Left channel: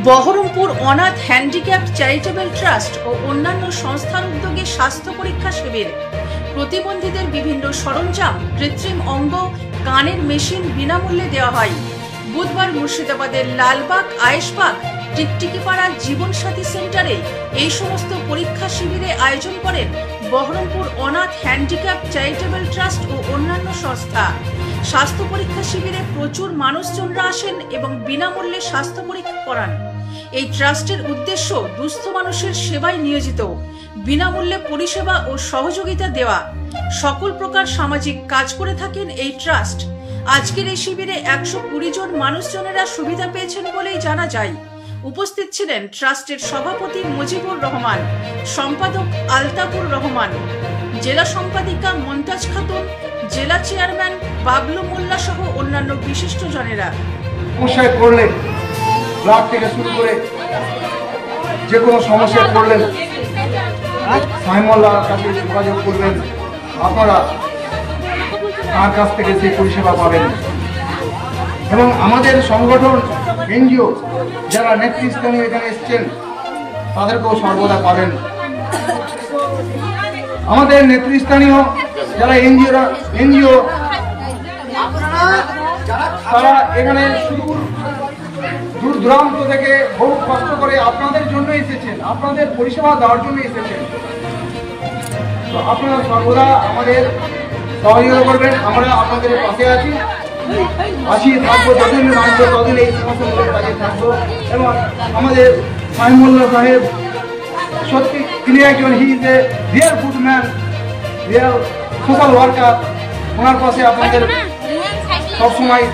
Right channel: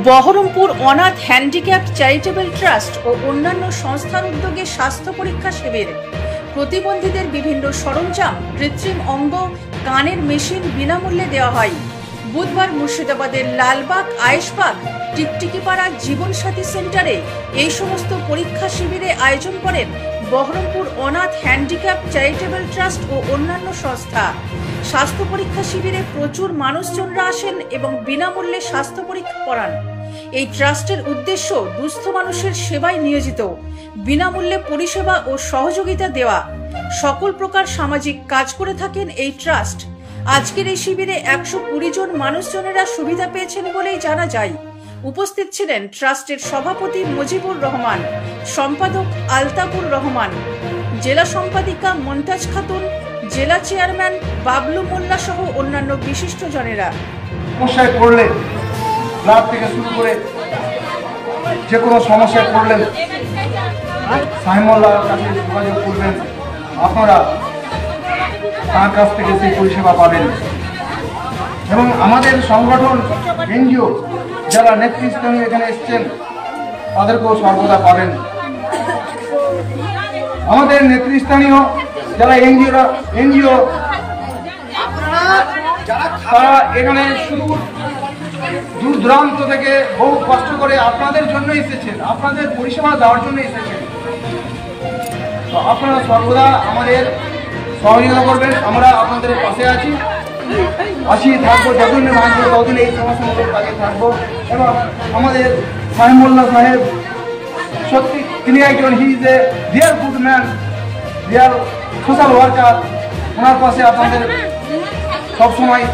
বহরমপুর অনাথ handicap charitable trust ও অন্যান্য সংস্থার উদ্যোগে স্বাস্থ্য পরীক্ষা শিবির। প্রতিবন্ধীদের বিভিন্ন সরঞ্জাম, কৃত্রিম অঙ্গ, কানের মেশিন বিনামূল্যে দেওয়া হয়। বুধবার মুর্শিদাবাদের লালবাগ, আয়েশবাগ, টিকটিকিপাড়া জীবনসাথী সেন্টারে এই সমস্ত পরীক্ষা শিবিরে আয়োজন করেন বহরমপুর অনাথ হ্যান্ডিক্যাপ চ্যারিটেবল ট্রাস্ট ও অন্যান্য সংস্থা। স্বাস্থ্য পরীক্ষা শিবিরে প্রচুর মানুষজনরা আসেন এবং বিনামূল্যে স্বাস্থ্য পরীক্ষা করান। এই ট্রাস্টের উদ্দেশ্য দুস্থ মানুষের সেবায় নিয়োজিত, বিনামূল্যে পরিষেবা ও সহযোগিতা দেওয়া। সকল প্রকার সামাজিক কাজ করে থাকেন এই ট্রাস্ট। আজকের এই শিবিরে 120 জন মানুষজনেরা সুবিধা পেয়েছেন বলেই জানা যায়। উপস্থিত ছিলেন ট্রাস্টের সভাপতি মুজিবুর রহমান, সম্পাদক আলতাফুর রহমান, জেলা সম্পাদিকা মমতাজ খাতুন, জেলা চেয়ারম্যান বাবলু মোল্লা সহ অন্যান্য বিশিষ্ট জনেরা। সমস্যায় পড়লে ব্লাড থেকে শুরু করে যে কোনো সমস্যায় পড়লে সাইমুল্লাহর কাছে যোগাযোগ করবেন, আপনারা তার কাছ থেকে সেই পরিষেবা পাবেন। এবং আমাদের সংগঠন এনজিও যারা নেতৃস্থানীয় এখানে এসছেন তাদেরকেও সর্বদা পাবেন। আমাদের নেতৃস্থানীয় যারা এনজিও তারা এখানে দূর দূরান্ত থেকে বহু কষ্ট করে আপনাদের জন্য এসেছেন, আপনাদের পরিষেবা দেওয়ার জন্য এসেছেন। তো আপনারা সর্বদা আমাদের সহযোগিতা করবেন, আমরা আপনাদের পাশে আছি থাকবো, যতদিন মানবো ততদিন এই সমস্যাগুলোর কাজে থাকবো। এবং আমাদের সাইমুল্লাহ সাহেব সত্যি তিনি একজন he is a real good man, real social worker. ওনার পাশে আপনাদের সবসময়